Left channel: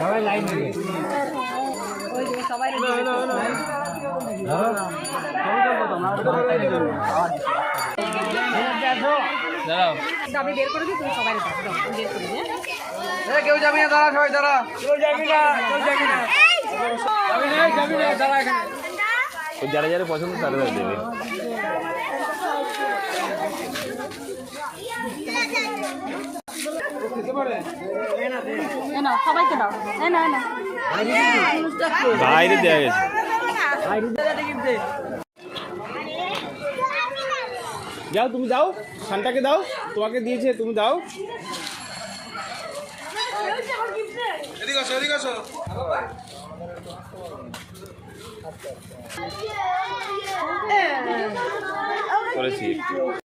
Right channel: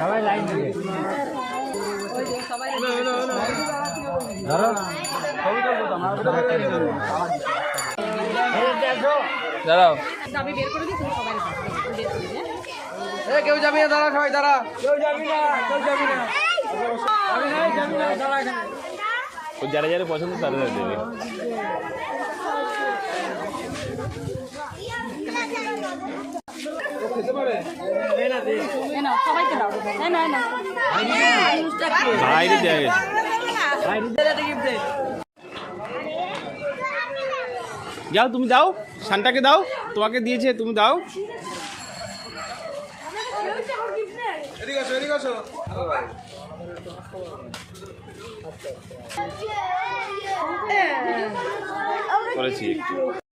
সবাই লাইন দিয়ে আমি বের করে দিই, তুমি সবাই কেউ যাবি না, দাঁড়া সবাই দাঁড়া, কেউ যাবি না, কেউ যাবি না, যাবি না, দাঁড়া এখানে। যারা যারা পছন্দ তারা দেবে। সবাইকে দাও, বাইরে দেওয়া গেছে। যাও তুমি দাও, শান্তাকে দাও, তোমাকে দিয়েছে, তুমি দাও। এদিকে আসো, এদিকে আসো। করেছি একটু।